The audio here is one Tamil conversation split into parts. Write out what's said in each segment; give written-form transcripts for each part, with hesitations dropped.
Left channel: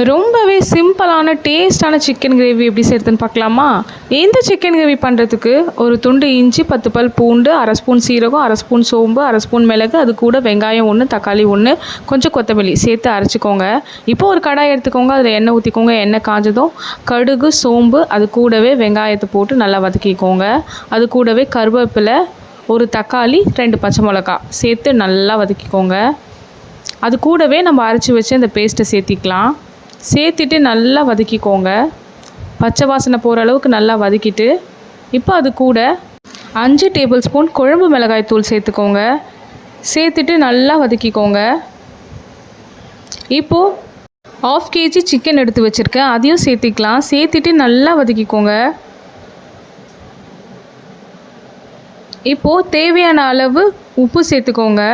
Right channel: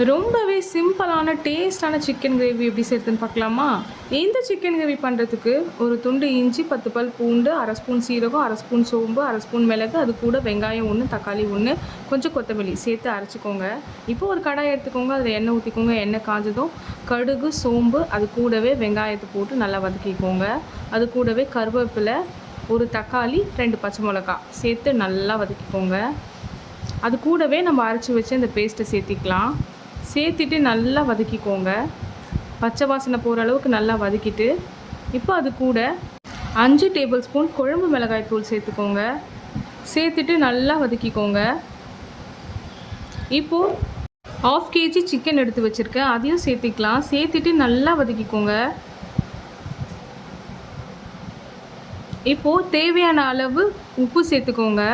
ரொம்பவே சிம்பிளான டேஸ்டான சிக்கன் கிரேவி எப்படி செய்கிறதுன்னு பார்க்கலாமா? இந்த சிக்கன் கிரேவி பண்ணுறதுக்கு ஒரு துண்டு இஞ்சி, 10 பல் பூண்டு, அரை ஸ்பூன் சீரகம், அரை ஸ்பூன் சோம்பு, அரை ஸ்பூன் மிளகு, அது கூட வெங்காயம் 1, தக்காளி 1, கொஞ்சம் கொத்தமல்லி சேர்த்து அரைச்சிக்கோங்க. இப்போ ஒரு கடாய் எடுத்துக்கோங்க. அதில் எண்ணெய் ஊற்றிக்கோங்க. எண்ணெய் காஞ்சதும் கடுகு, சோம்பு, அது கூடவே வெங்காயத்தை போட்டு நல்லா வதக்கிக்கோங்க. அது கூடவே கருவேப்பிலை, ஒரு தக்காளி, 2 பச்சை மிளகா சேர்த்து நல்லா வதக்கிக்கோங்க. அது கூடவே நம்ம அரைச்சி வச்சு அந்த பேஸ்ட்டை சேர்த்திக்கலாம். சேர்த்துட்டு நல்லா வதக்கிக்கோங்க. பச்சை வாசனை போகிற அளவுக்கு நல்லா வதக்கிட்டு, இப்போ அது கூட 5 டேபிள் ஸ்பூன் குழம்பு மிளகாய் தூள் சேர்த்துக்கோங்க. சேர்த்துட்டு நல்லா வதக்கிக்கோங்க. இப்போது 1/2 kg சிக்கன் எடுத்து வச்சுருக்கேன், அதையும் சேர்த்திக்கலாம். சேர்த்துட்டு நல்லா வதக்கிக்கோங்க. இப்போது தேவையான அளவு உப்பு சேர்த்துக்கோங்க.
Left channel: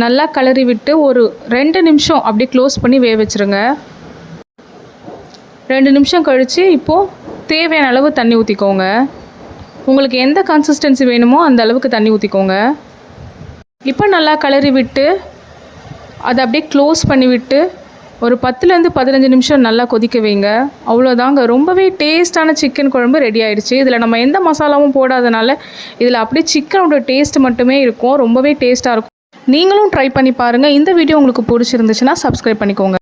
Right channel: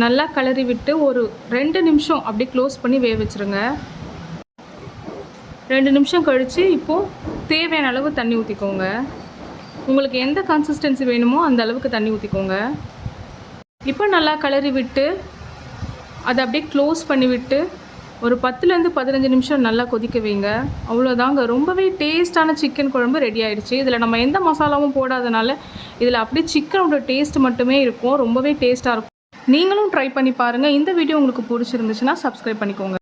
நல்லா கிளறி விட்டு ஒரு 2 நிமிஷம் அப்படியே க்ளோஸ் பண்ணி வேக வச்சுருங்க. 2 நிமிஷம் கழித்து இப்போது தேவையான அளவு தண்ணி ஊற்றிக்கோங்க. உங்களுக்கு எந்த கன்சிஸ்டன்சி வேணுமோ அந்த அளவுக்கு தண்ணி ஊற்றிக்கோங்க. இப்போ நல்லா கிளறி விட்டு அதை அப்படியே க்ளோஸ் பண்ணி விட்டு ஒரு 10லேருந்து 15 நிமிஷம் நல்லா கொதிக்க வைங்க. அவ்வளோதாங்க, ரொம்பவே டேஸ்ட்டான சிக்கன் குழம்பு ரெடி ஆகிடுச்சு. இதில் நம்ம எந்த மசாலாவும் போடாதனால இதில் அப்படியே சிக்கனோட டேஸ்ட் மட்டுமே இருக்கும். ரொம்பவே டேஸ்ட்டாக இருக்கும். நீங்களும் ட்ரை பண்ணி பாருங்கள். இந்த வீடியோ உங்களுக்கு பிடிச்சிருந்துச்சுன்னா சப்ஸ்கிரைப் பண்ணிக்கோங்க.